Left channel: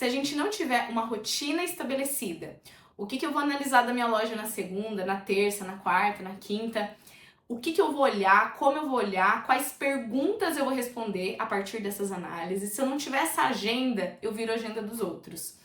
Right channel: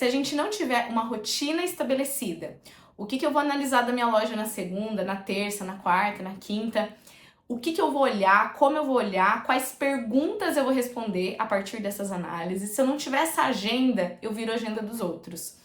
Se a gente não tiver uma rotina estabelecida, o que eu vou analisar da minha loja na segunda, na terça, na quarta, na quinta, o que eu vou olhar, como eu vou olhar, quais perguntas eu vou responder a partir dessas análises. Se eu não tiver essa agenda, eu viro a agenda dos outros.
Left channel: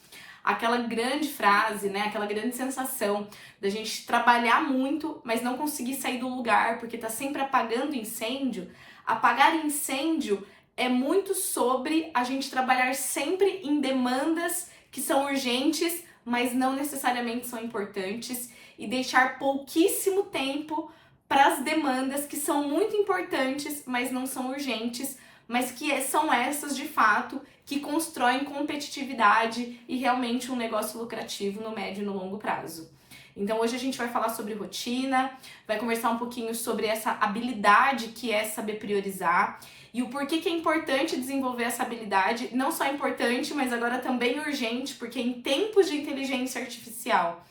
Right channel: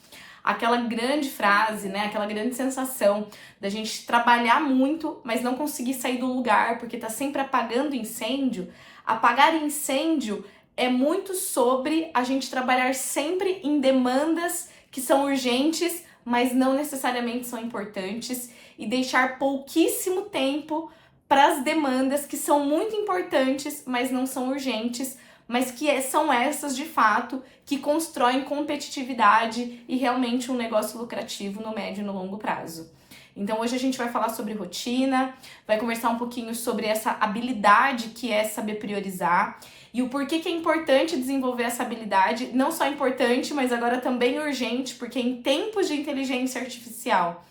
Aquela grande frase, né, aquela grande sensação da gente trabalhar muito, mas não conseguir sair do lugar, porque tá sempre apagando incêndio. Apagar incêndio é muito sobre a gente trabalhar sempre em demandas que são urgentes, mas não necessariamente são importantes, e deixar pouquíssimo tempo para as demandas que são muito importantes, mas não são urgentes, mas que são essas de fato que constroem competitividade e realmente um negócio lucrativo no médio e no longo prazo. Então hoje a gente vai falar sobre rotina, vai conversar um pouquinho sobre essa habilidade que é saber priorizar e o porquê que é importante desenvolver essa habilidade, não só importante, mas agora também urgente, porque em tempos de inteligência artificial,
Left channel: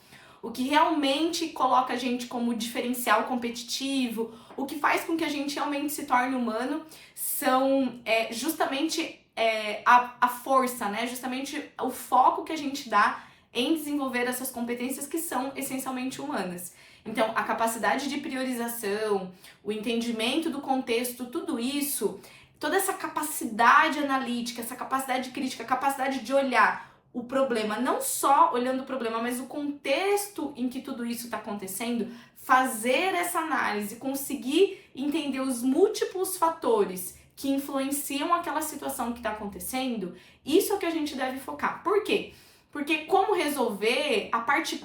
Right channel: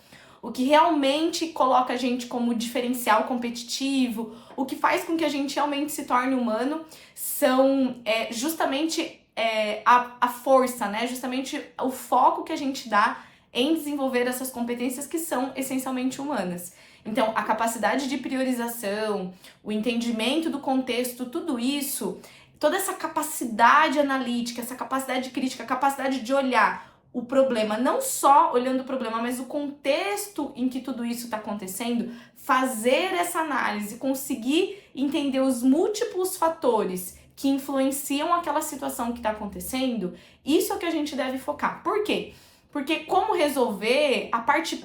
o que realmente coloca a gente como diferencial competitivo, o que faz com que a gente realmente se torne humano, são justamente a força, né? Justamente o foco que a gente dá em desenvolver essas competências que são essencialmente humanas. Então, a capacidade de priorização, o entendimento do contexto, tudo isso, toda essa capacidade analítica, essa capacidade crítica, a capacidade de olhar o problema, não só olhando o problema, mas o contexto em que tudo isso está acontecendo, fazer essa análise, conseguir entender os múltiplos fatores que influenciam aquela situação que está acontecendo, isso é o que a gente deve focar. Por quê? Porque como resolver a parte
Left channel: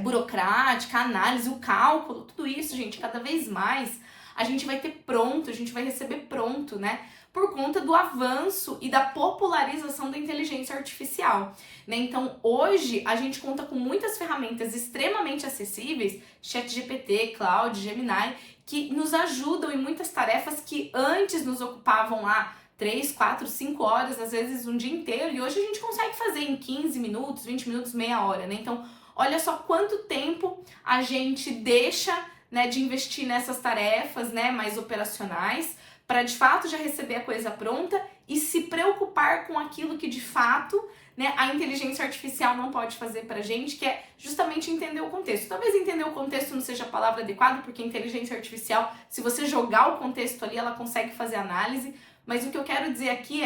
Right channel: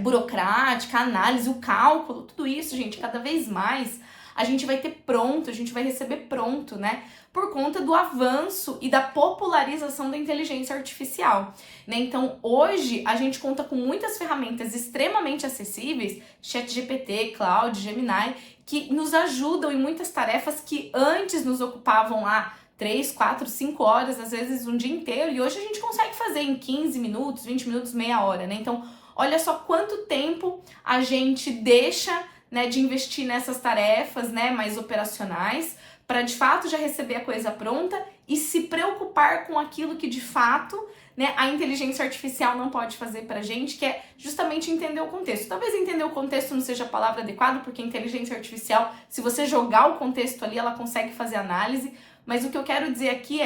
burocrática, a análise, o cálculo, tudo isso, gente, cada vez mais a gente vai ter pronto, a gente vai receber pronto, né? Por conta do avanço e da popularização da inteligência artificial, né? Então, hoje, a gente conta com muitas ferramentas extremamente acessíveis, ChatGPT, Claude, Gemini, que nos ajudam em muitas tarefas que antes nos ocupavam lá 3, 4, 5 horas, às vezes um dia inteiro, e hoje a gente consegue fazer em 15 minutos, 20 minutos, meia hora, né? Então, olha só quanto tempo a gente deixa, né, de investir nessas tarefas, né, mais operacionais, para de fato já receber a coisa pronta e se preocupar com aquilo que de fato, né, a inteligência artificial não pode fazer pra gente, que é justamente entender o contexto. Talvez entender o contexto não seja a palavra adequada, porque a inteligência artificial, se você jogar o contexto ali, ela consegue fazer análise, mas o que eu quero dizer aqui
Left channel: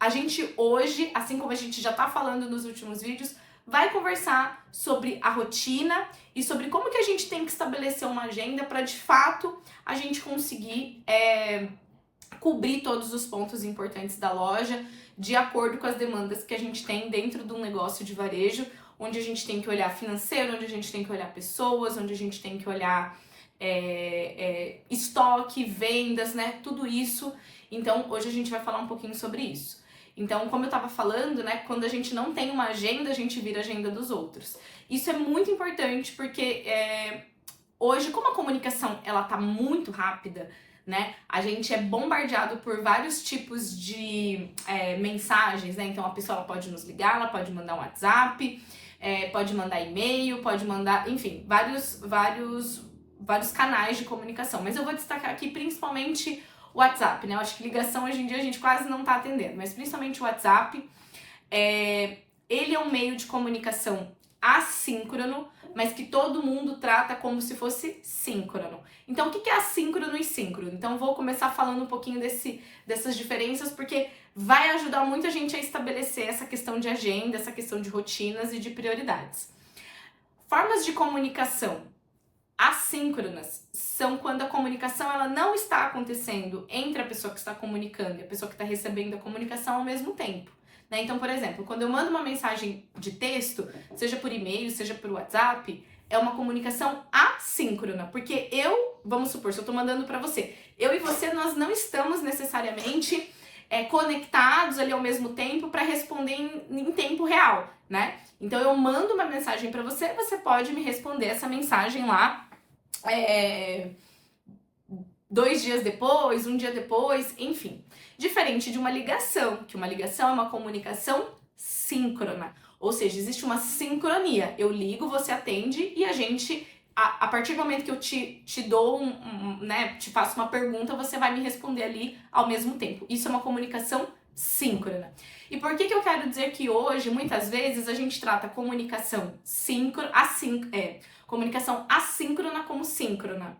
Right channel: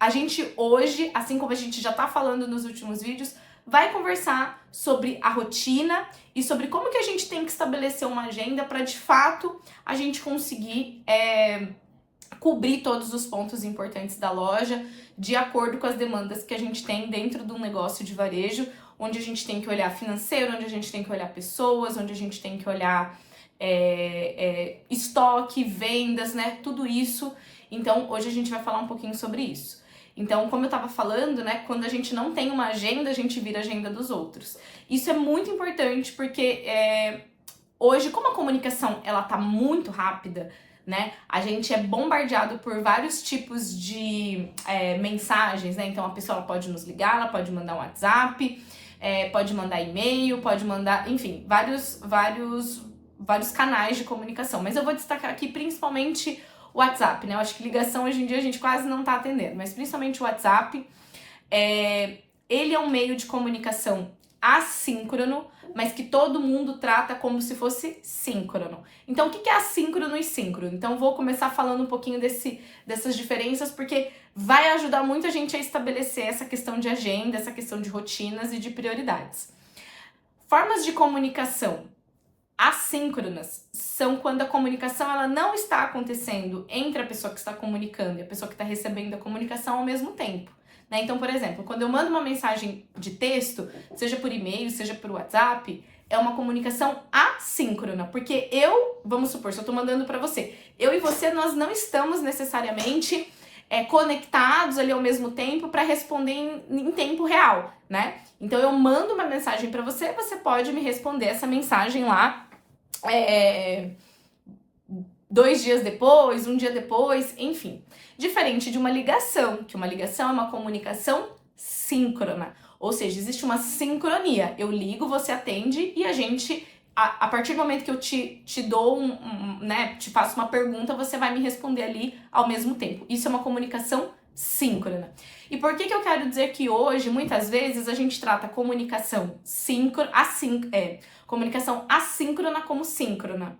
a gente hoje, assim como a gente já tá falando nos últimos vídeos, vai conversar sobre a rotina e sobre como que a gente tem que estabelecer uma agenda para de fato a gente conseguir cobrir todos os pontos importantes da loja de acordo com as demandas que a gente tem dentro de um negócio de varejo, onde a gente tem que olhar financeiro, onde a gente tem que olhar pessoas, onde a gente tem que olhar estoque, vendas, né? Tudo isso. Então, hoje a gente vai falar um pouquinho sobre isso. Então, como eu estava falando, né, quando a gente não tem uma agenda, a gente vira a agenda dos outros. Isso é muito importante porque hoje, como a comunicação ela tá muito rápida, né, a gente é bombardeado por vários tipos de mensagens, né? Então, a pessoa ela pode nos ligar, ela pode mandar um WhatsApp, pode mandar e-mail, pode mandar, enfim, vários canais de comunicação. Mas eu vou destacar aqui principalmente o WhatsApp, né? Eu acho que ligação hoje em dia a gente quase não tá atendendo, mas principalmente o WhatsApp. Ele é um meio de comunicação assíncrono, mas que todo mundo trata como se fosse síncrono. Então, o que é assíncrono e síncrono? Então, vou começar falando um pouquinho dessas diferenças, porque vai ajudar muito a gente a estabelecer essa questão de agenda, essa questão de rotinas e de prioridades. Formas de comunicação assíncronas são quando a comunicação ela não está acontecendo entre a pessoa que está comunicando e a pessoa que está recebendo a comunicação ao mesmo tempo, né? Então, por exemplo, quando eu mando uma mensagem de texto, seja por e-mail, seja por WhatsApp, é uma comunicação assíncrona, porque vamos supor, se eu estou mandando para você, eu e você, nós não estamos necessariamente conectados ali ao mesmo tempo para responder em tempo real, né? Então, eu mando uma mensagem para você, você pode me responder essa mensagem lá 2 dias depois, 1 dia depois, enfim. Diferente de uma ligação, que uma ligação é uma comunicação síncrona. Ou seja, existe uma sincronia. Eu ligo, você atende e a gente, a partir do momento que eu te dou né, te faço uma pergunta, você vai me responder ali ao mesmo tempo. Isso é uma comunicação síncrona. E por que eu quero dizer que hoje, muitas vezes, a gente trata comunicação comunicação assíncrona como síncrona?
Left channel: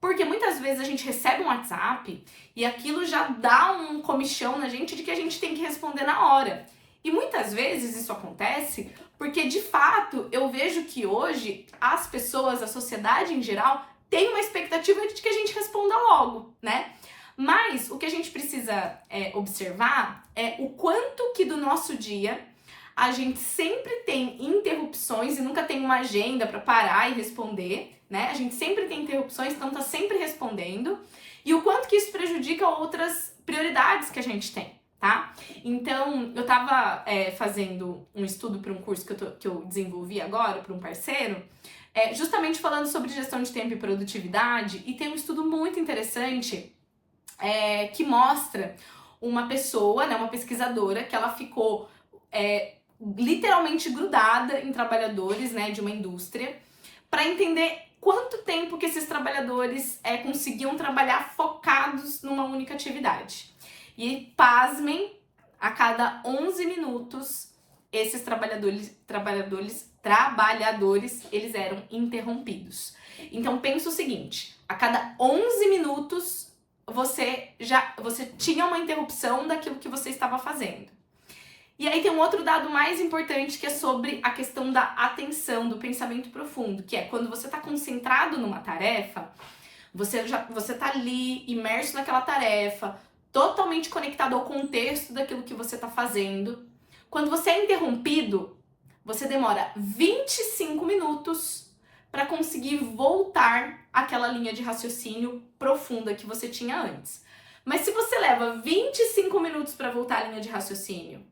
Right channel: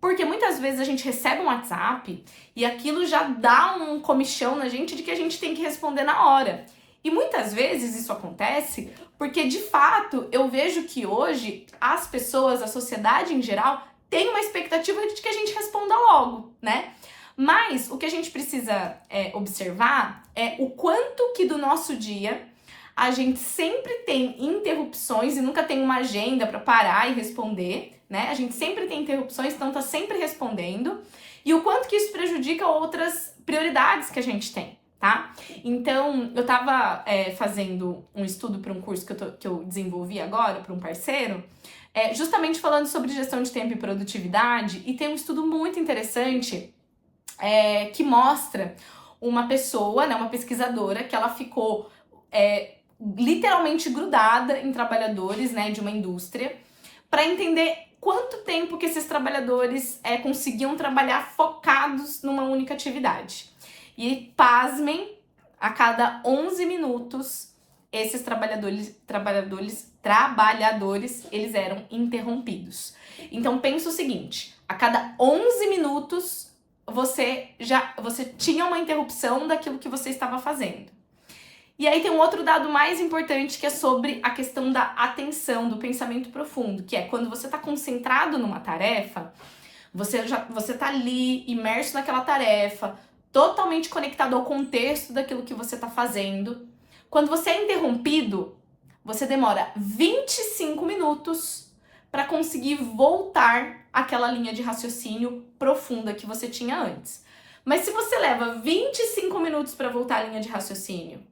Porque muitas vezes a gente recebe um WhatsApp e aquilo já dá um comichão na gente de que a gente tem que responder na hora. E muitas vezes isso acontece porque, de fato, eu vejo que hoje as pessoas, a sociedade em geral, tem uma expectativa de que a gente responda logo, né? Mas o que a gente precisa observar é o quanto que do nosso dia a gente sempre tem interrupções e nunca tem uma agenda para parar e responder, né? A gente sempre tem interrupções, então tá sempre respondendo. E o quanto que isso prejudica outras prioridades que a gente tem, tá? Então, eu tava fazendo um estudo para um curso que eu desenvolvi agora para um parceiro, justamente falando sobre gestão de tempo e produtividade, e tem um estudo muito interessante que mostra uma pessoa, né, uma pesquisadora, que ela ficou literalmente grudada em trabalhadores, né, de uma indústria, para entender quanto tempo que esses trabalhadores conseguiam trabalhar focados numa única atividade. E, pasmem, a cada 11 minutos, esses trabalhadores, eles eram interrompidos. Então, pensa o seguinte, a cada 11 minutos, você tinha uma interrupção daquilo que você estava fazendo. E aí tem um outro dado mais importante, que é sobre a questão da atenção, do pensamento profundo, que é quando você está concentrado numa tarefa, você está ali imerso naquela tarefa, totalmente conectado ao contexto daquilo que você está fazendo. Quando você é interrompido, você demora 25 minutos para conseguir voltar àquela linha de raciocínio profunda que você tinha antes. Mas se você leva 25 minutos para voltar à linha de raciocínio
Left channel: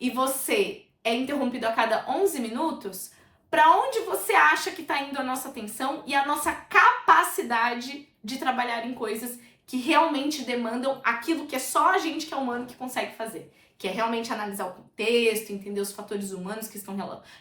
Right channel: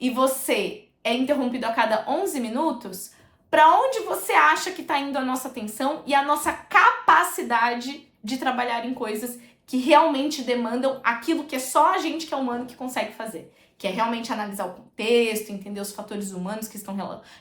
e você é interrompido a cada 11 minutos, para onde você acha que está indo a nossa atenção e a nossa capacidade de trabalhar em coisas que realmente demandam aquilo que é só a gente que é humano que consegue fazer? Que é realmente analisar o contexto, entender os fatores humanos que estão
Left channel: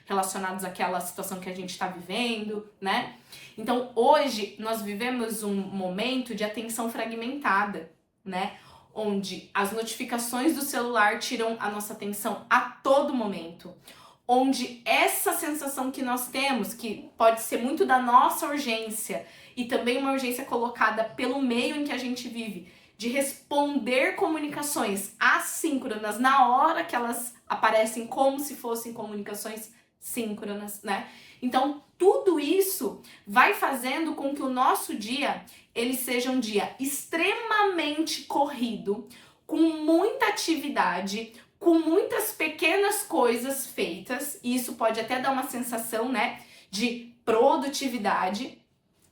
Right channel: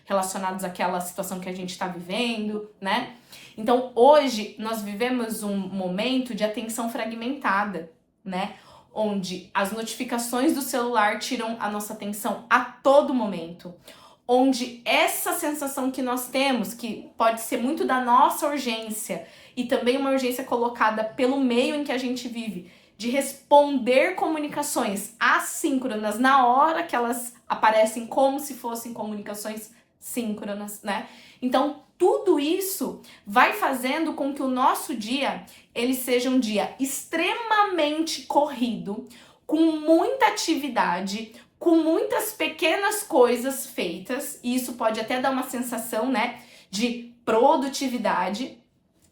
relacionados àquela situação que a gente está vivendo, né? Então, hoje, nós vivemos um momento de atenção fragmentada, né? Onde as notificações do celular tiram a nossa atenção a todo momento. Onde essa sensação que nós temos, que pode ser muito da nossa urgência, e também uma urgência colocada pelo meio em que a gente vive, de responder comunicações assíncronas na hora que elas aparecem como se fossem comunicações síncronas, né? Então, tudo isso vai fazendo com que o nosso dia, ele seja um dia extremamente corrido, com muita atividade, com muitas pequenas coisas feitas, e isso pode até dar uma sensação, né, de produtividade,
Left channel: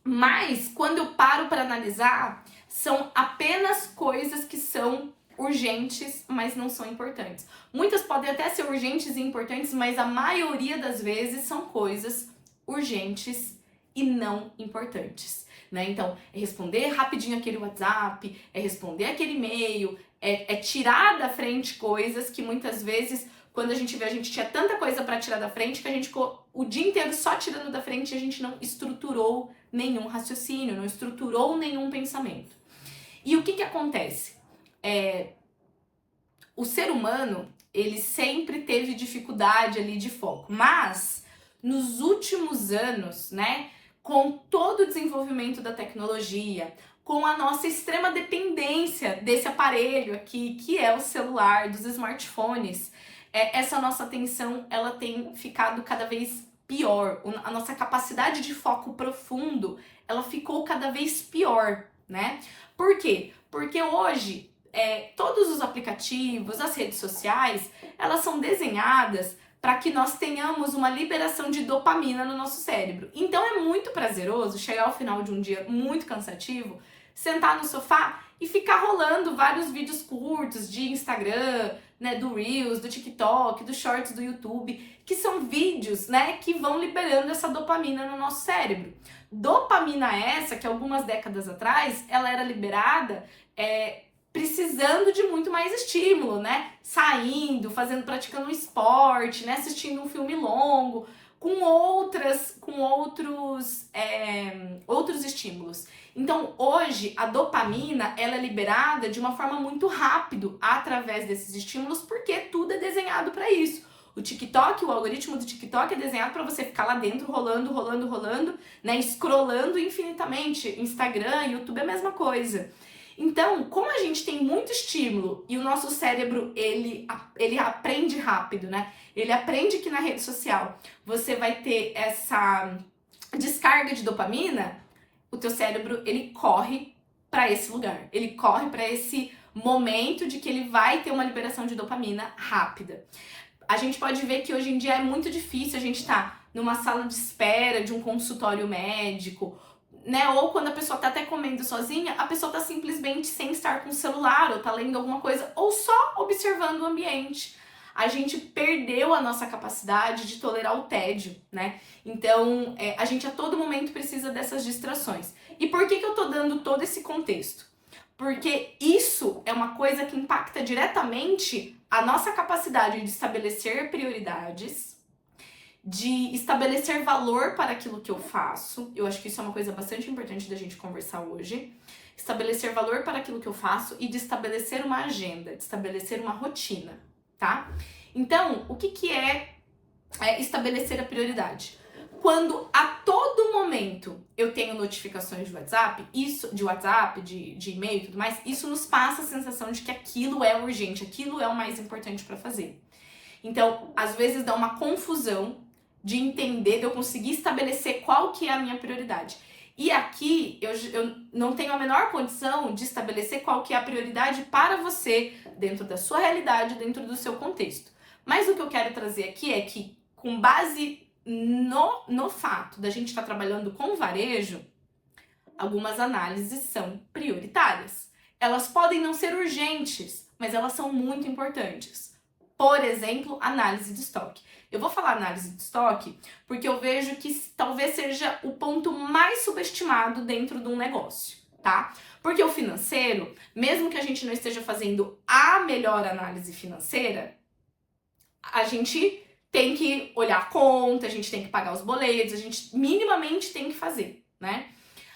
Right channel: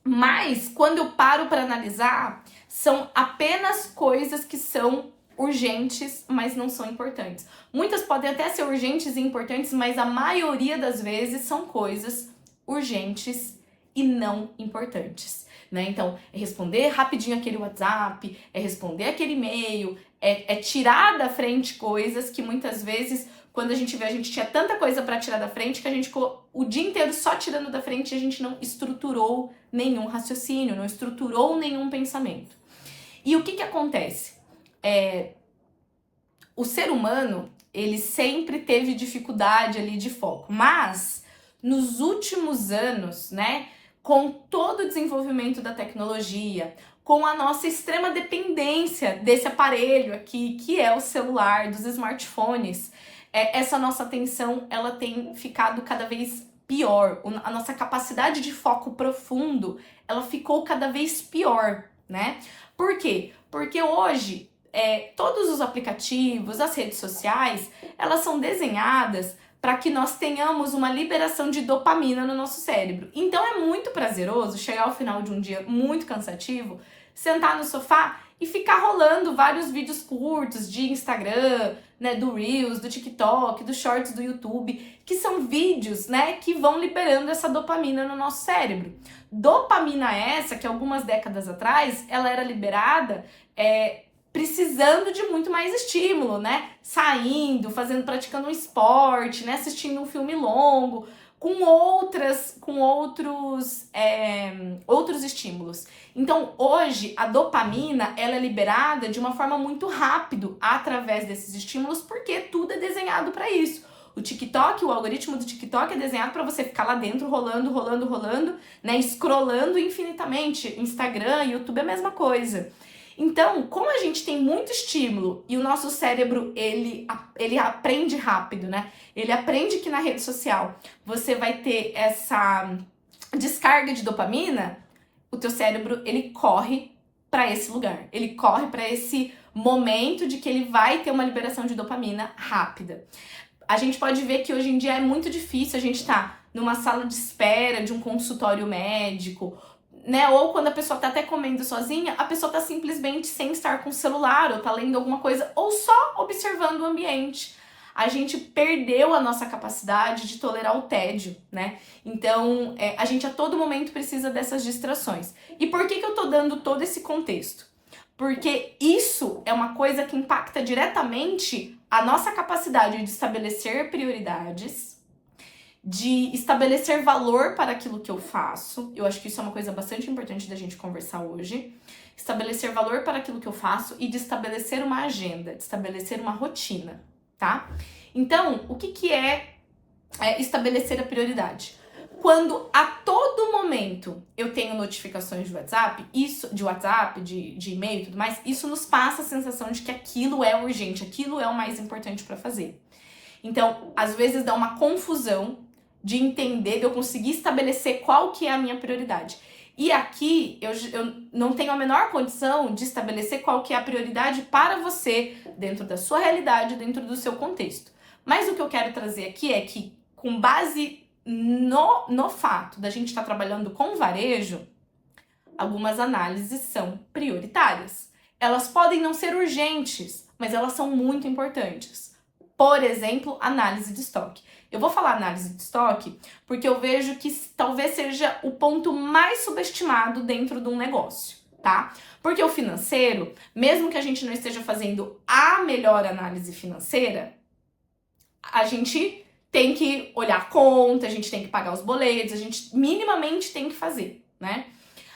mas quando eu paro para analisar, são apenas coisas que são urgentes, mas não são importantes. Muitas podem até ser urgentes e importantes, mas a maioria das vezes são coisas urgentes e não importantes, né? Então, é responder rapidinho aquele WhatsApp, é responder aquele e-mail, é tirar da frente coisas que muitas vezes, quando a gente vê, a gente tinha tanta coisa para tirar da frente que a gente ficou o dia inteiro só tirando da frente e a gente não estruturou nenhum raciocínio, não estruturou nenhum pensamento. E o que acontece? O ser humano, ele sempre teve dificuldade ali de foco, mas nos últimos anos, né, com todo o desenvolvimento da tecnologia, com a nossa extrema dependência desse aparelho aqui, que é o celular, dos smartphones, essa nossa atenção, ela tem ficado cada vez pior. A nossa capacidade de foco profundo, ela ficou cada vez pior, né? Por quê? Porque hoje, todos os aplicativos, as redes sociais, elas são desenhadas para que nós tenhamos uma liberação de dopamina no nosso cérebro. Então é muito prazeroso chegar ao final de um dia muito cansativo, sentar no sofá e ficar rolando vários vídeos curtos de Instagram, né, do Reels, do TikTok, dos Shorts do YouTube, que são vídeos, né, que vão liberando essa dopamina no nosso cérebro. Dopamina essa que algumas décadas atrás ela era liberada precisando de muito mais estímulo, né? Saindo, praticando um esporte, né? Assistindo um filme longo. com outros estímulos. Então, hoje, a dopamina, ela é liberada de uma forma muito rápida através desses estímulos, porque tudo é desenhado para isso. O TikTok, o algoritmo do TikTok é desenhado para você ficar lá dentro, rolando, né, scrollando infinitamente. Instagram, YouTube é a mesma coisa. Então, como a gente tem muito estímulo e o nosso cérebro, ele aprende rápido, né? Ele aprende que na rede social você vai ter essa descarga de dopamina, o teu cérebro, ele corre para esse lugar. Ele corre para esse momento de que ele vai ter uma liberação de dopamina rápida. A gente pode ver que hoje em dia é muito difícil a gente estar numa sala de espera de um consultório médico, né? Ou quando a pessoa tá até comendo sozinha, a pessoa tá simplesmente sem estar com o celular, ou tá lendo alguma coisa, ou só observando o ambiente. A gente perdeu a nossa capacidade de tolerar o tédio, né? Então, a gente a todo momento precisa dessas distrações. E por que eu tô dando todo esse contexto? Porque isso é uma coisa que impacta diretamente a nossa capacidade de estabelecer prioridades, de estabelecer valor para aquilo que eu faço. Eu acho que isso é uma coisa bastante importante da gente conversar hoje. Estabelecer valor para aquilo que eu faço e de estabelecer uma agenda, de estabelecer uma rotina, tá? Então, o que é estabelecer a prioridade? Quando a todo momento eu tenho notificações de WhatsApp, de e-mail e tudo mais, isso nos passa a sensação de que aquilo é urgente, aquilo é o mais importante para fazer. Então, às vezes dá uma confusão de entender, de eu conseguir estabelecer qual que é a minha prioridade. E aqui, eu não tenho a menor condição de estabelecer qual que é a prioridade para você, dentro da sua realidade, dentro do seu contexto. Mas o que eu quero trazer aqui é que, com base no fato da gente estar trabalhando com varejo, algumas análises são prioritárias. Elas podem não ser urgentes, mas elas são muito importantes. Por exemplo, análise de estoque. Eu vou falar análise de estoque porque eu vejo que talvez seja o ponto mais subestimado dentro de um negócio, tá? Porque o financeiro, mesmo que a gente não esteja fazendo a melhor análise financeira, a gente tem que olhar a conta, a gente tem que pagar os boletos, a gente minimamente tem que fazer, né?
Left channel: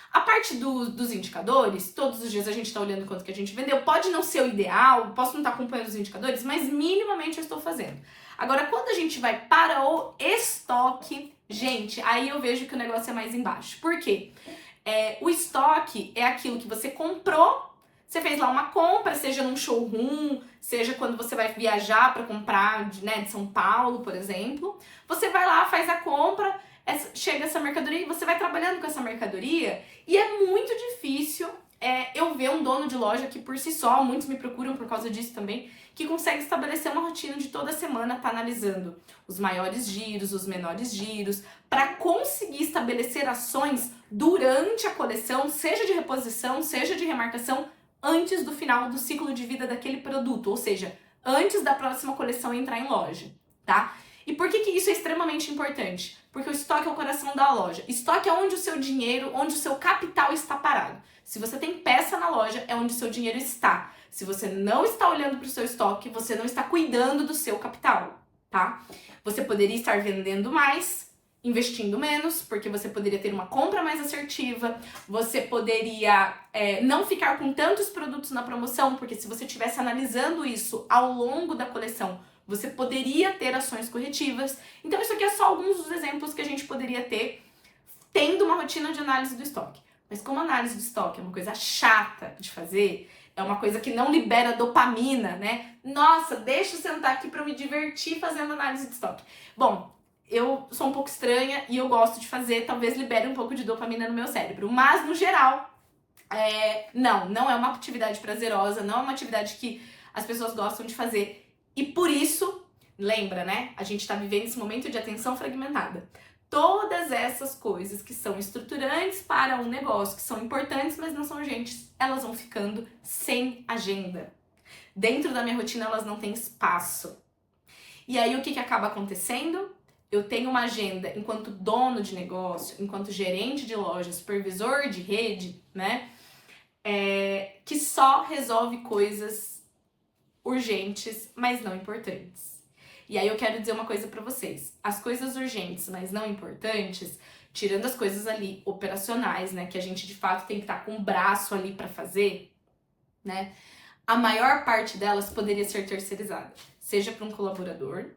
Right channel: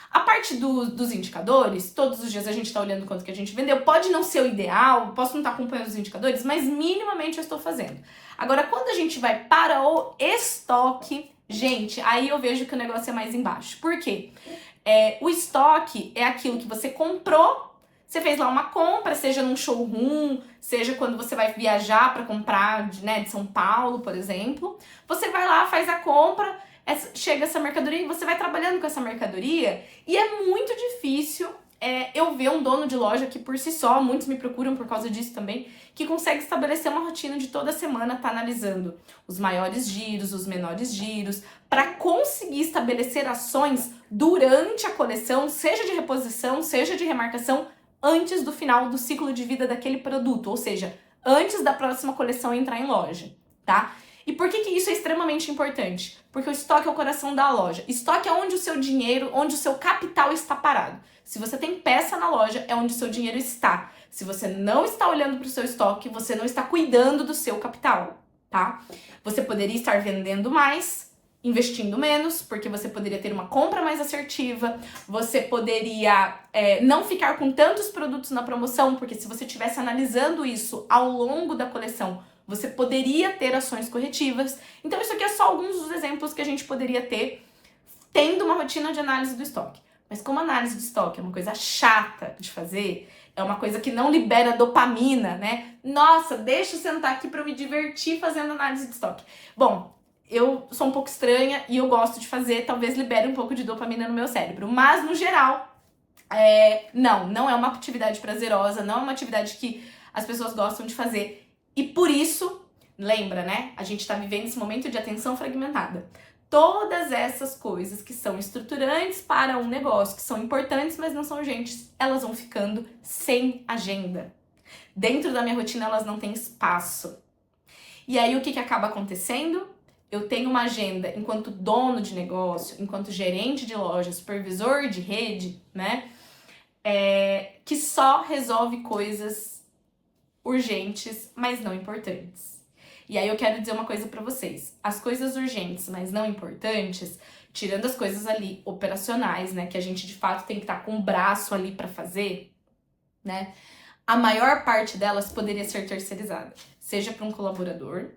A parte dos indicadores, todos os dias a gente tá olhando quanto que a gente vendeu, pode não ser o ideal, posso não estar acompanhando os indicadores, mas minimamente eu estou fazendo. Agora, quando a gente vai para o estoque, gente, aí eu vejo que o negócio é mais embaixo. Por quê? O estoque é aquilo que você comprou. Você fez lá uma compra, seja num showroom, seja quando você vai viajar para comprar de São Paulo, por exemplo. Você vai lá, faz a compra, chega essa mercadoria e você vai trabalhando com essa mercadoria. E é muito difícil eu ver um dono de loja que por si só, muitos me procuram por causa disso também, que consegue estabelecer uma rotina de toda semana, tá analisando os maiores giros, os menores giros, para conseguir estabelecer ações durante a coleção, seja de reposição, seja de remarcação, antes do final do ciclo de vida daquele produto, ou seja, antes da próxima coleção entrar em loja, tá? E por que isso é extremamente importante? Porque o estoque é o coração da loja. Estoque é onde o seu dinheiro, onde o seu capital está parado. Se você tem peça na loja, é onde o seu dinheiro está. Se você não está olhando para o seu estoque, você não está cuidando do seu capital, tá? Você poderia estar vendendo mais, investindo menos, porque você poderia ter uma compra mais assertiva, você poderia não ficar com tantos produtos na promoção, porque se você estivesse analisando isso ao longo da coleção, você poderia ter ações corretivas. Então isso aqui é só alguns dos exemplos que a gente poderia ter tendo uma rotina de análise do estoque. Mas como análise de estoque é uma coisa chata de fazer, é uma coisa que não libera dopamina, né? Nossa, deixa eu sentar aqui para me divertir fazendo análise de estoque. Bom, eu sou um pouco estranha e eu gosto de fazer, talvez libere um pouco de dopamina no meu cérebro. Mas, no geral, não é uma atividade prazerosa, não é uma atividade que as pessoas gostam de fazer. E por isso, lembra, né? A gente tá vivendo esse momento de atenção fragmentada. Todas essas coisas que são estruturantes para um negócio, que são importantes, mas não são urgentes, elas vão ficando sem agenda. Dentro da minha rotina, elas não têm espaço. E aí, o que acaba acontecendo? Eu tenho uma agenda enquanto dono de negócio, enquanto gerente de loja, supervisor de rede, né? Que só resolve coisas urgentes, mas não importantes. E aí eu quero dizer uma coisa pra vocês. As coisas urgentes, mas não importantes, tirando as coisas ali operacionais, né, que a gente de fato tem que estar com o braço ali pra fazer, né? A maior parte delas poderia ser terceirizada, seja para um colaborador,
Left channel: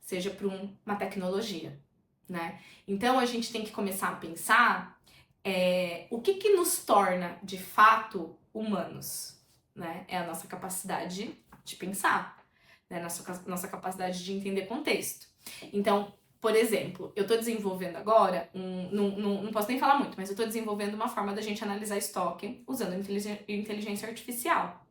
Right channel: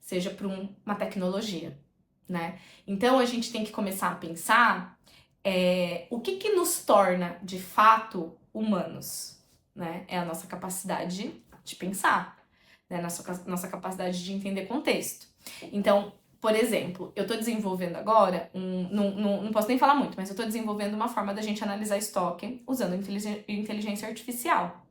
seja para uma tecnologia, né? Então a gente tem que começar a pensar o que nos torna de fato humanos, né? É a nossa capacidade de pensar, né? Nossa capacidade de entender contexto. Então, por exemplo, eu tô desenvolvendo agora, não posso nem falar muito, mas eu tô desenvolvendo uma forma da gente analisar estoque usando inteligência artificial.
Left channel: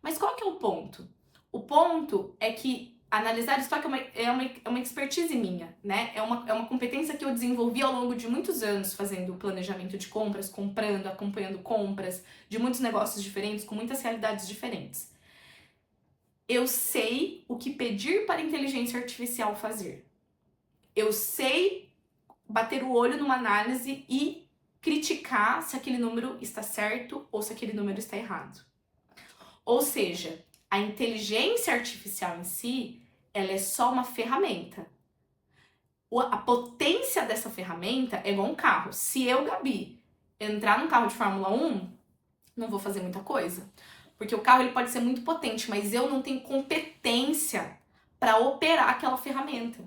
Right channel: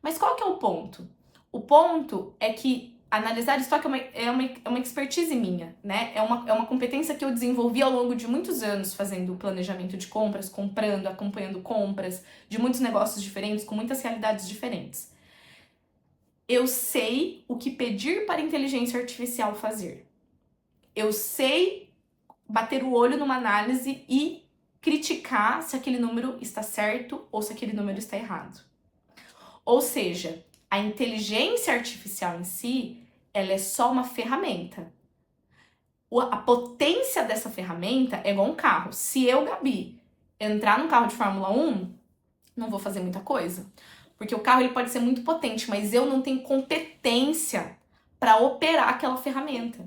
Mas qual que é o ponto? O ponto é que analisar estoque é uma expertise minha, né? É uma competência que eu desenvolvi ao longo de muitos anos fazendo planejamento de compras, comprando, acompanhando compras de muitos negócios diferentes, com muitas realidades diferentes. Eu sei o que pedir para a inteligência artificial fazer. Eu sei bater o olho numa análise e criticar se aquele número está certo ou se aquele número está errado. Ou seja, a inteligência artificial em si, ela é só uma ferramenta. A potência dessa ferramenta é igual um carro. Se eu, Gabi, entrar num carro de Fórmula 1, não vou fazer muita coisa. Porque o carro ele pode ser muito potente, mas eu não tenho competência para operar aquela ferramenta.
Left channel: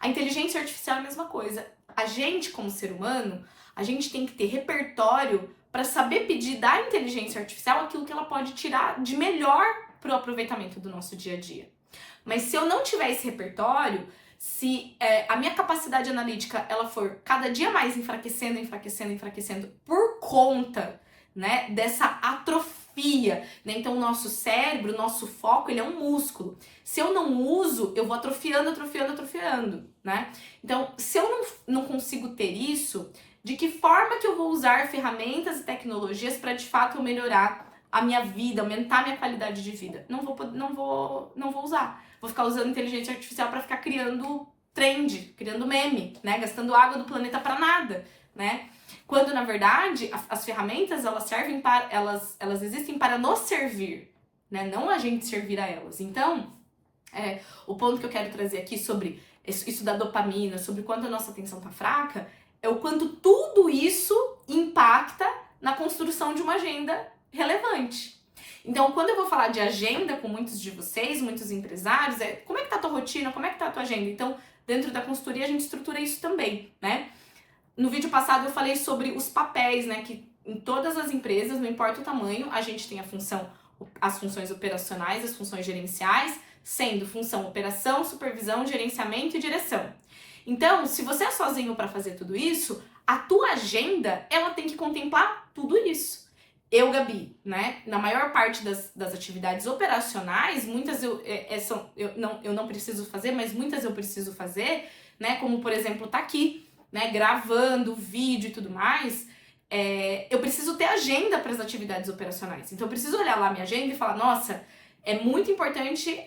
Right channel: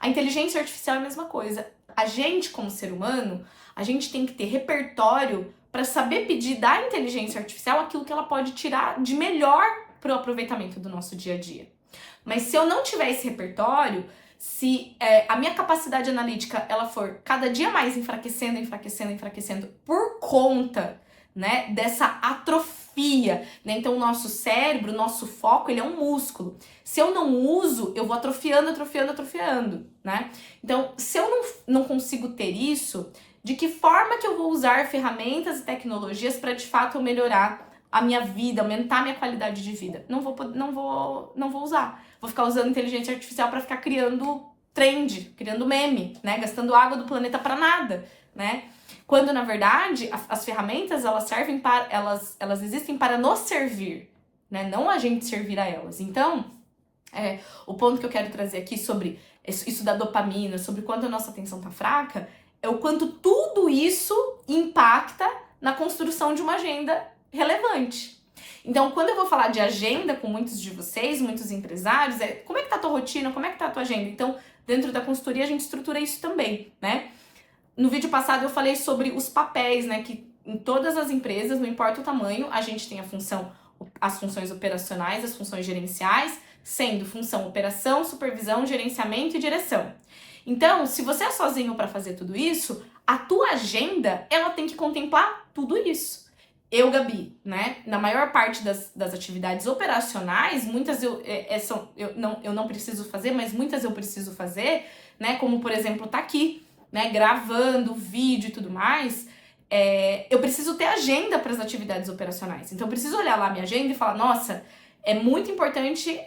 A inteligência artificial é a mesma coisa. A gente, como ser humano, a gente tem que ter repertório para saber pedir da inteligência artificial aquilo que ela pode tirar de melhor para o aproveitamento do nosso dia a dia. Mas se eu não tiver esse repertório, se a minha capacidade analítica ela for cada dia mais enfraquecendo por conta, né, dessa atrofia, né? Então o nosso cérebro, o nosso foco, ele é um músculo. Se eu não uso, eu vou atrofiando, né? Então, se eu não consigo ter isso, de que forma que eu vou usar ferramentas e tecnologias para de fato eu melhorar a minha vida, aumentar a minha qualidade de vida? Não vou usar. Vou ficar usando inteligência artificial para ficar criando trend, criando meme, né? Gastando água do planeta para nada, né? Quando na verdade as ferramentas elas servem para elas existem para nos servir, né? Não a gente servir a elas. Então, o ponto que eu quero trazer aqui sobre isso da dopamina, sobre quanto a nossa atenção tá fraca, é o quanto tudo isso impacta na construção de uma agenda relevante. Então, quando eu vou falar de agenda com muitos de vocês, muitos empresários, como é que tá a tua rotina, como é que tá a tua agenda? Então, dentro da consultoria, a gente estrutura isso também, né? No vídeo passado, eu falei sobre os papéis, né? Que em todas as empresas, não importa o tamanho, a gente tem as funções operacionais, as funções gerenciais, sendo função operação, supervisão, gerenciamento e direção. Então, se você é sozinho para fazer tudo isso, a tua agenda, ela tem que contemplar tudo isso. Eu, Gabi, né, na maior parte das atividades operacionais, muitas eu não preciso fazer, mas muitas eu preciso fazer, né, como, por exemplo, tá aqui, né, gravando vídeo e tudo mais, eu preciso ter agenda para as atividades operacionais. Então, eu preciso olhar lá a minha agenda e falar, nossa, é muito importante,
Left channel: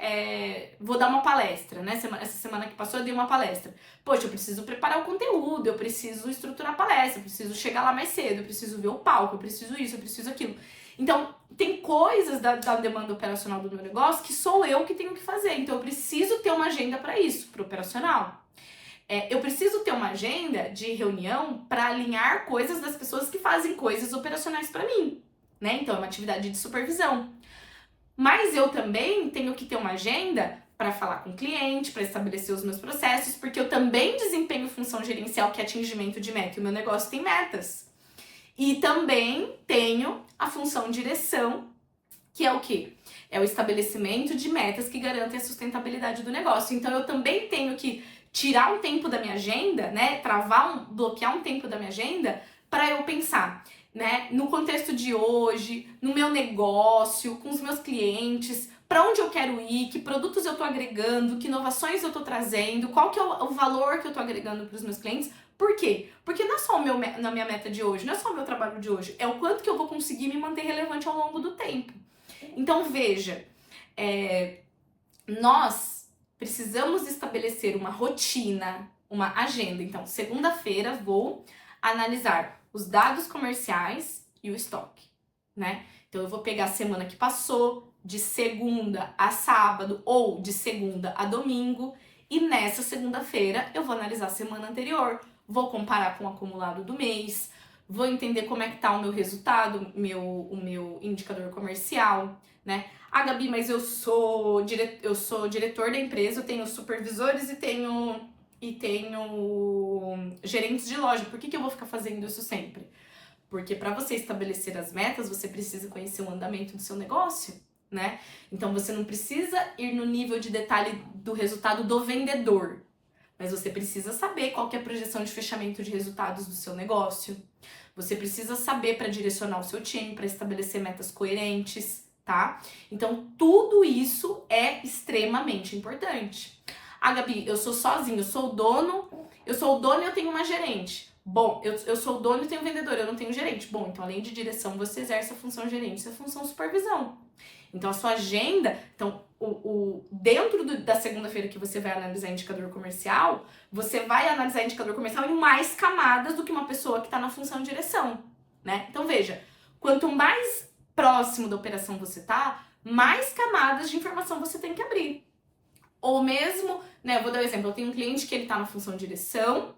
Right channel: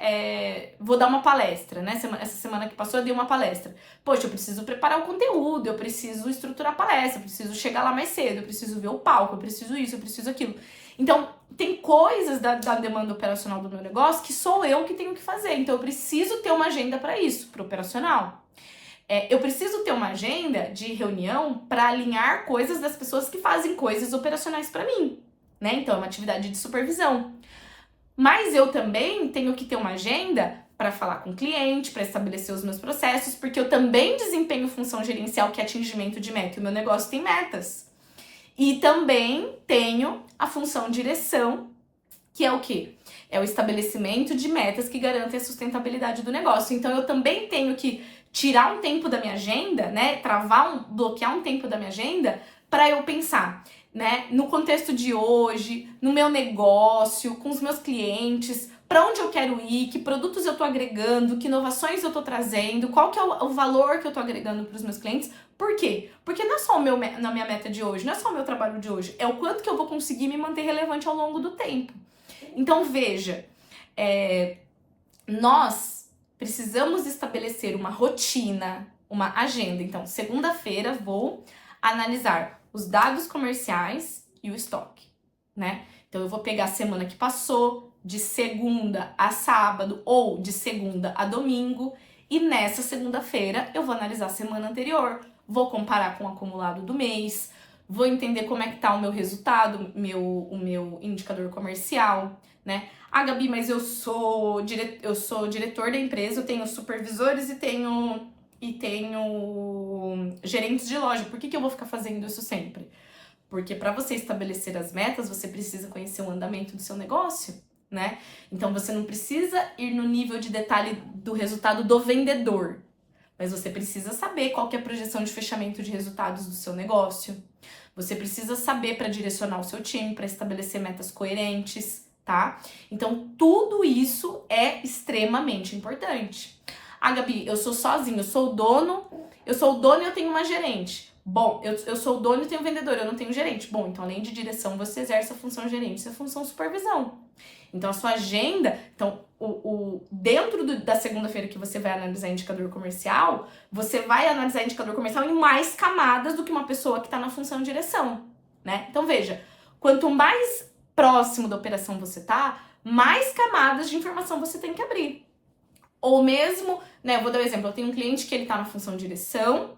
vou dar uma palestra, né? Essa semana que passou eu dei uma palestra. Poxa, eu preciso preparar o conteúdo, eu preciso estruturar a palestra, eu preciso chegar lá mais cedo, eu preciso ver o palco, eu preciso isso, eu preciso aquilo. Então, tem coisas da demanda operacional do meu negócio que sou eu que tenho que fazer. Então, eu preciso ter uma agenda para isso, para o operacional. Eu preciso ter uma agenda de reunião para alinhar coisas das pessoas que fazem coisas operacionais para mim, né? Então, é uma atividade de supervisão. Mas eu também tenho que ter uma agenda para falar com o cliente, para estabelecer os meus processos, porque eu também desempenho função gerencial, que é atingimento de meta. E o meu negócio tem metas. E também tenho a função direção, que é o quê? É o estabelecimento de metas que garantem a sustentabilidade do negócio. Então, eu também tenho que tirar um tempo da minha agenda, né? Bloquear um tempo da minha agenda para eu pensar, né, no contexto de hoje, no meu negócio, com os meus clientes, para onde eu quero ir, que produtos eu estou agregando, que inovações eu estou trazendo, qual que é o valor que eu estou agregando para os meus clientes. Por quê? Porque não é só na minha meta de hoje, não é só o meu trabalho de hoje, é o quanto que eu vou conseguir me manter relevante ao longo do tempo. Então, veja, nós precisamos estabelecer uma rotina, uma agenda. Então, segunda-feira vou analisar os dados comerciais e o estoque, né? Então, eu vou pegar a semana que passou, de segunda a sábado ou de segunda a domingo. E nessa segunda-feira eu vou analisar a semana anterior, vou comparar com o acumulado do mês, vou entender como é que tá o meu resultado, o meu indicador comercial, né? Ah, Gabi, mas eu sou diretor da empresa, eu tenho supervisores e tenho gerentes de loja. Por que eu vou ficar fazendo isso sempre? Porque para você estabelecer as metas, você precisa conhecer o andamento do seu negócio, né? Então você não precisa ir no nível de detalhe do resultado do vendedor, mas você precisa saber qual que é a projeção de fechamento de resultados do seu negócio. Você precisa saber para direcionar o seu time, para estabelecer metas coerentes, tá? Então tudo isso é extremamente importante. Ah, Gabi, eu sou sozinho, eu sou o dono e eu tenho uma gerente. Bom, eu sou o dono e tenho vendedor, eu não tenho gerente. Bom, então além de direção, você exerce a função gerente e a função supervisão. Então a sua agenda, dentro da segunda-feira que você vai analisar indicador comercial, você vai analisar indicador comercial em mais camadas do que uma pessoa que está na função de direção, né? Então veja, quanto mais próximo da operação você tá, mais camadas de informação você tem que abrir. Ou mesmo, né, eu vou dar um exemplo, eu tenho um cliente que ele tá na função de direção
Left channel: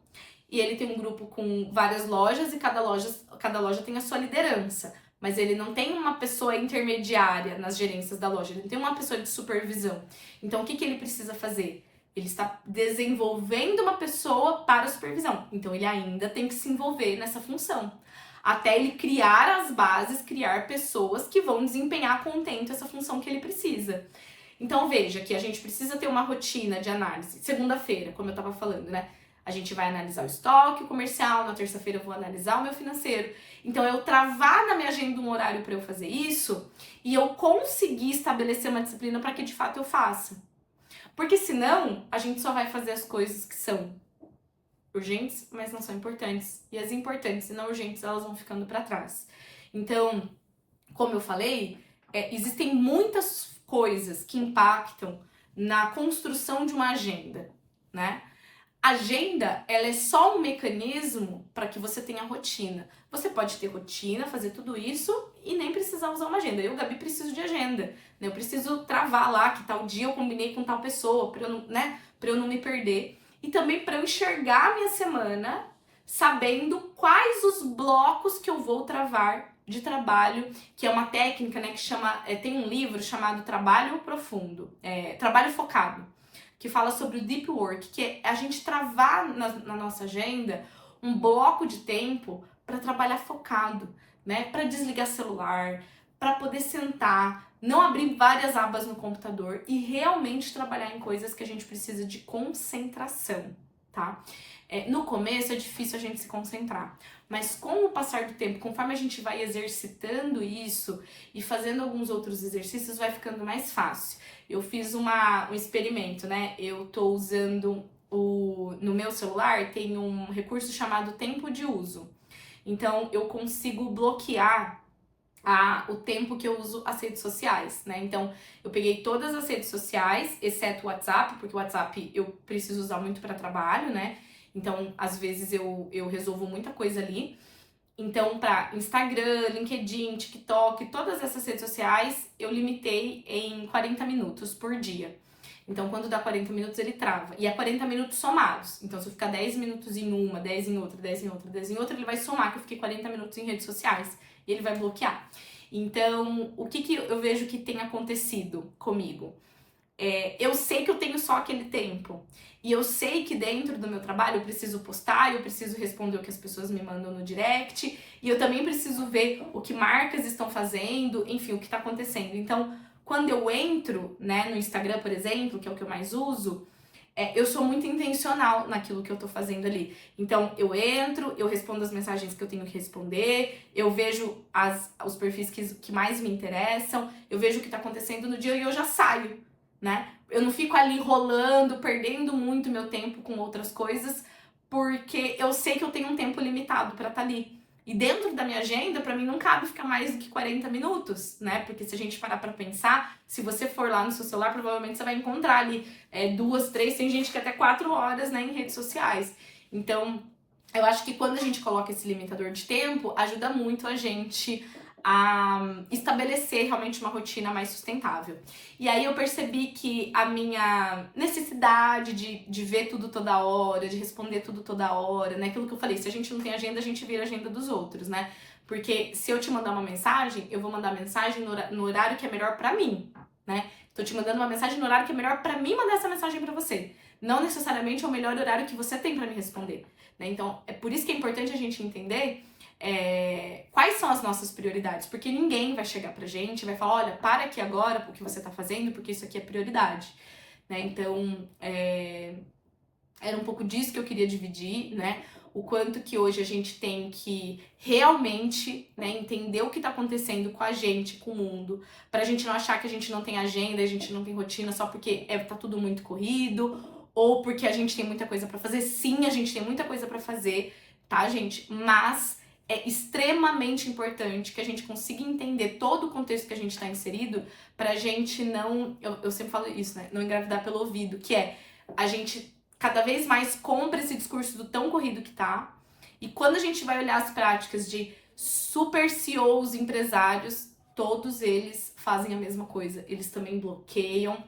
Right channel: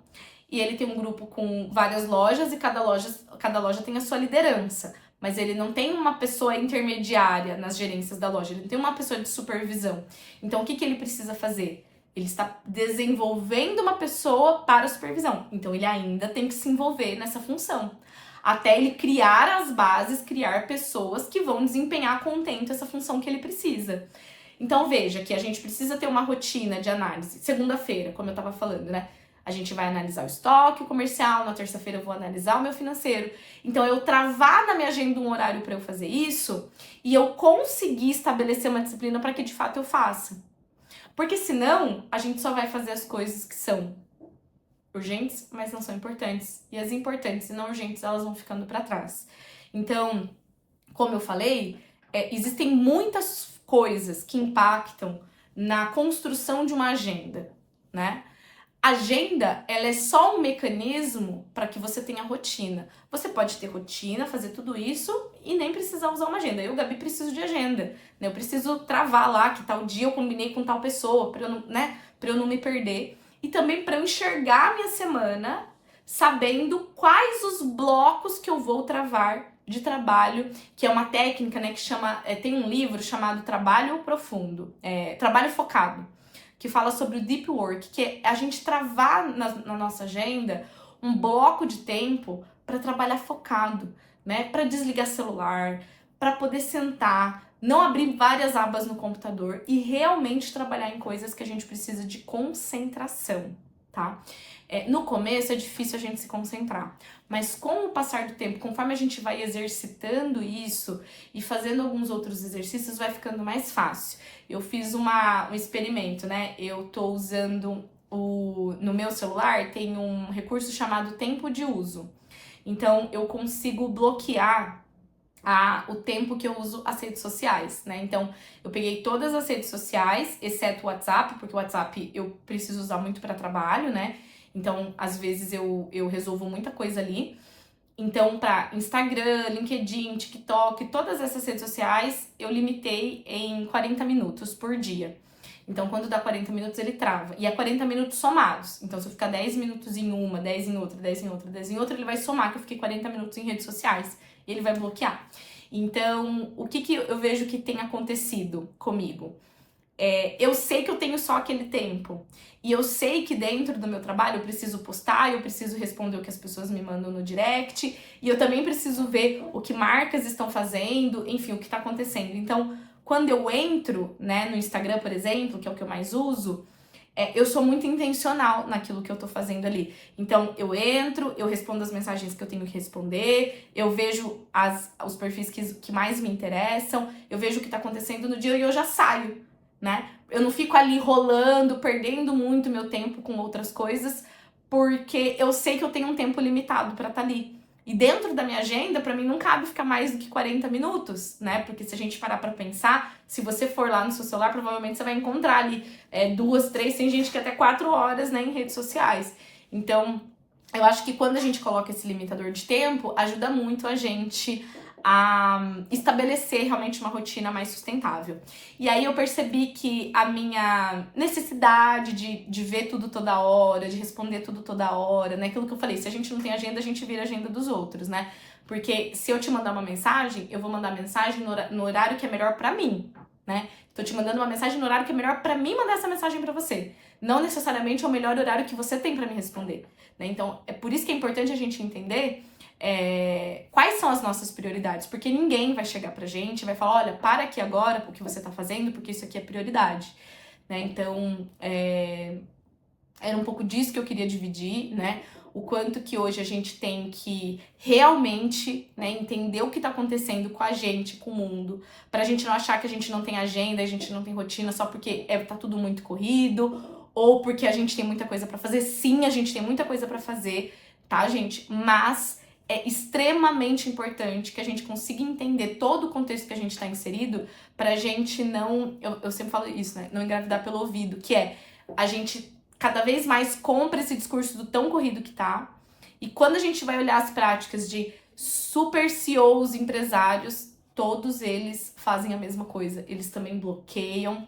e ele tem um grupo com várias lojas e cada loja tem a sua liderança. Mas ele não tem uma pessoa intermediária nas gerências da loja, ele não tem uma pessoa de supervisão. Então, o que ele precisa fazer? Ele está desenvolvendo uma pessoa para a supervisão. Então, ele ainda tem que se envolver nessa função. Até ele criar as bases, criar pessoas que vão desempenhar contento essa função que ele precisa. Então, veja que a gente precisa ter uma rotina de análise. Segunda-feira, como eu estava falando, né? A gente vai analisar o estoque, o comercial, na terça-feira eu vou analisar o meu financeiro. Então, eu travar na minha agenda um horário para eu fazer isso e eu conseguir estabelecer uma disciplina para que de fato eu faça. Porque senão, a gente só vai fazer as coisas que são urgentes, mas não são importantes. E as importantes e não urgentes, elas vão ficando para trás. Então, como eu falei, existem muitas coisas que impactam na construção de uma agenda, né? Agenda, ela é só um mecanismo para que você tenha rotina. Você pode ter rotina, fazer tudo isso e nem precisar usar uma agenda. Eu, Gabi, preciso de agenda, né? Eu preciso travar lá que tal dia eu combinei com tal pessoa para eu não, né, para eu não me perder e também para eu enxergar a minha semana, sabendo quais os blocos que eu vou travar de trabalho, que é uma técnica, né, que chama, tem um livro chamado Trabalho Profundo, Trabalho Focado, que fala sobre o deep work, que é a gente travar na nossa agenda um bloco de tempo para trabalhar focado, né? Para desligar celular, para poder sentar, não abrir várias abas no computador e realmente trabalhar em coisas que a gente precisa de concentração, tá? No começo é difícil a gente se concentrar, mas com o passar do tempo, conforme a gente vai exercitando isso e fazendo alguns outros exercícios, vai ficando mais fácil. Eu fiz um experimento, né? Eu tô usando no meu celular, tem um recurso chamado tempo de uso. Então, eu consigo bloquear o tempo que eu uso as redes sociais, né? Então, eu peguei todas as redes sociais, exceto o WhatsApp, porque o WhatsApp eu preciso usar muito para trabalho, né? Então, às vezes eu resolvo muita coisa ali. Então, para Instagram, LinkedIn, TikTok, todas essas redes sociais, eu limitei em 40 minutos por dia. Então, quando dá 40 minutos, ele trava. E é 40 minutos somados. Então, se eu ficar 10 minutos em uma, 10 em outra, 10 em outra, 10 em outra, ele vai somar que eu fiquei 40 minutos em redes sociais. E ele vai bloquear. Então, o que eu vejo que tem acontecido comigo? Eu sei que eu tenho só aquele tempo. E eu sei que dentro do meu trabalho eu preciso postar, eu preciso responder o que as pessoas me mandam no direct. E eu também preciso ver o que marcas estão fazendo, enfim, o que está acontecendo. Então, quando eu entro, né, no Instagram, por exemplo, que é o que eu mais uso, eu sou muito intencional naquilo que eu tô fazendo ali. Então, eu entro, eu respondo as mensagens que eu tenho que responder, eu vejo os perfis que mais me interessam, eu vejo o que tá acontecendo no dia e eu já saio, né? Eu não fico ali rolando, perdendo muito meu tempo com outras coisas, porque eu sei que eu tenho um tempo limitado pra estar ali. E dentro da minha agenda, pra mim, não cabe ficar mais do que 40 minutos, né? Porque se a gente parar pra pensar, se você for lá no seu celular, provavelmente você vai encontrar ali 2, 3, tem gente que até 4 horas, né, em redes sociais. Então, eu acho que quando a gente coloca esse limitador de tempo, ajuda muito a gente a estabelecer realmente uma rotina mais sustentável. E aí eu percebi que a minha necessidade de ver tudo toda hora, de responder tudo toda hora, né? Aquilo que eu falei, se a gente não tem agenda, a gente vira a agenda dos outros, né? Porque se eu te mandar uma mensagem, eu vou mandar mensagem no horário que é melhor pra mim, né? Tô te mandando uma mensagem no horário que é melhor pra mim mandar essa mensagem pra você. Não necessariamente é o melhor horário que você tem pra me responder, né? Então, é por isso que é importante a gente entender quais são as nossas prioridades, porque ninguém vai chegar pra gente e vai falar, olha, para aqui agora o que você tá fazendo, porque isso aqui é prioridade, né? Então, era um pouco disso que eu queria dividir, né? O quanto que hoje a gente tem que realmente, né, entender o que tá acontecendo com a gente, com o mundo, pra gente não achar que a gente não tem agenda, a gente não tem rotina só porque tá tudo muito corrido, ou porque a gente tem muita coisa pra fazer. Sim, a gente tem muita coisa pra fazer, tá, gente? Mas é extremamente importante que a gente consiga entender todo o contexto que a gente tá inserido pra gente não... Eu sempre falo isso, né? Não engravidar pelo ouvido, que é a gente cada vez mais compra esse discurso do tão corrido que tá. E quando a gente vai olhar as práticas de super CEOs, empresários, todos eles fazem a mesma coisa. Eles também bloqueiam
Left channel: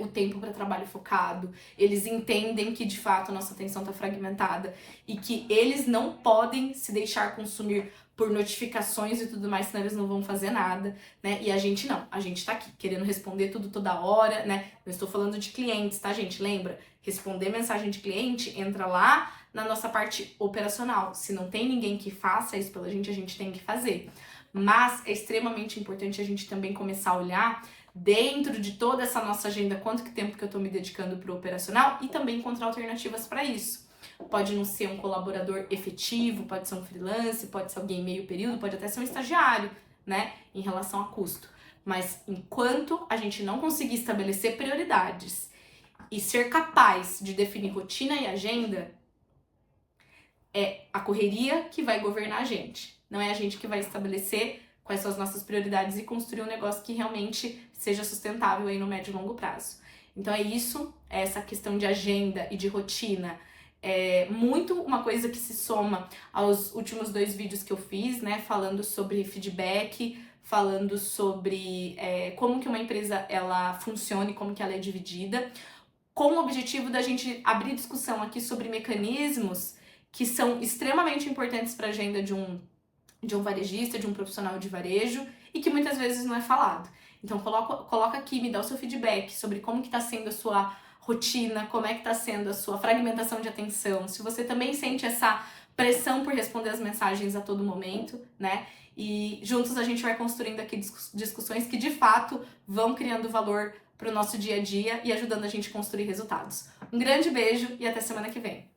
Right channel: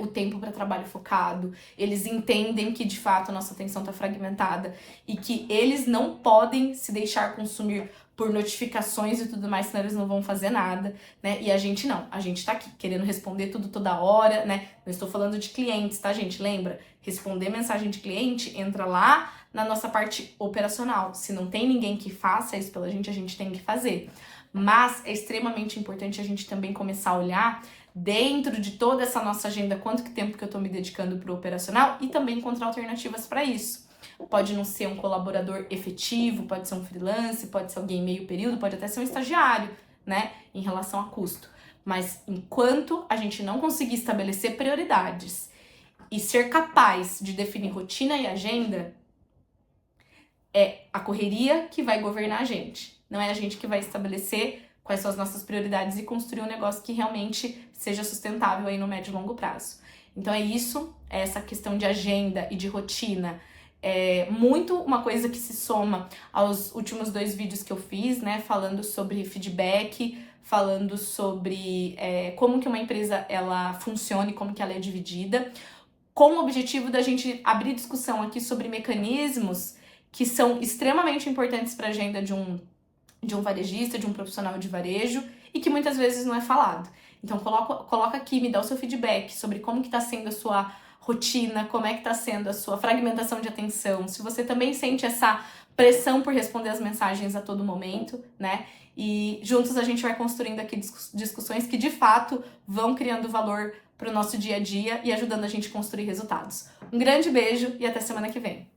o tempo para trabalho focado. Eles entendem que, de fato, a nossa atenção tá fragmentada e que eles não podem se deixar consumir por notificações e tudo mais, senão eles não vão fazer nada, né? E a gente não. A gente tá aqui querendo responder tudo toda hora, né? Não estou falando de clientes, tá, gente? Lembra? Responder mensagem de cliente entra lá na nossa parte operacional. Se não tem ninguém que faça isso pela gente, a gente tem que fazer. Mas é extremamente importante a gente também começar a olhar dentro de toda essa nossa agenda, quanto que tempo que eu tô me dedicando pro operacional e também encontrar alternativas para isso. Pode não ser um colaborador efetivo, pode ser um freelance, pode ser alguém meio período, pode até ser um estagiário, né, em relação a custo. Mas enquanto a gente não conseguir estabelecer prioridades e ser capaz de definir rotina e agenda, é a correria que vai governar a gente. Não é a gente que vai estabelecer quais são as nossas prioridades e construir um negócio que realmente seja sustentável aí no médio e longo prazo. Então é isso, é essa questão de agenda e de rotina. É muito uma coisa que se soma aos últimos 2 vídeos que eu fiz, né? Falando sobre feedback, falando sobre como que uma empresa ela funciona e como que ela é dividida, com o objetivo da gente abrir discussão aqui sobre mecanismos que são extremamente importantes para a agenda de um varejista, de um profissional de varejo, e que muitas vezes não é falado. Então coloca aqui, me dá o seu feedback sobre como que tá sendo a sua rotina, como é que tá sendo a sua fragmentação de atenção, se você também sente essa pressão por responder as mensagens a todo momento, né? E juntos a gente vai construindo aqui discussões que de fato vão criando valor pro nosso dia a dia e ajudando a gente a construir resultados. Um grande beijo e até semana que vem.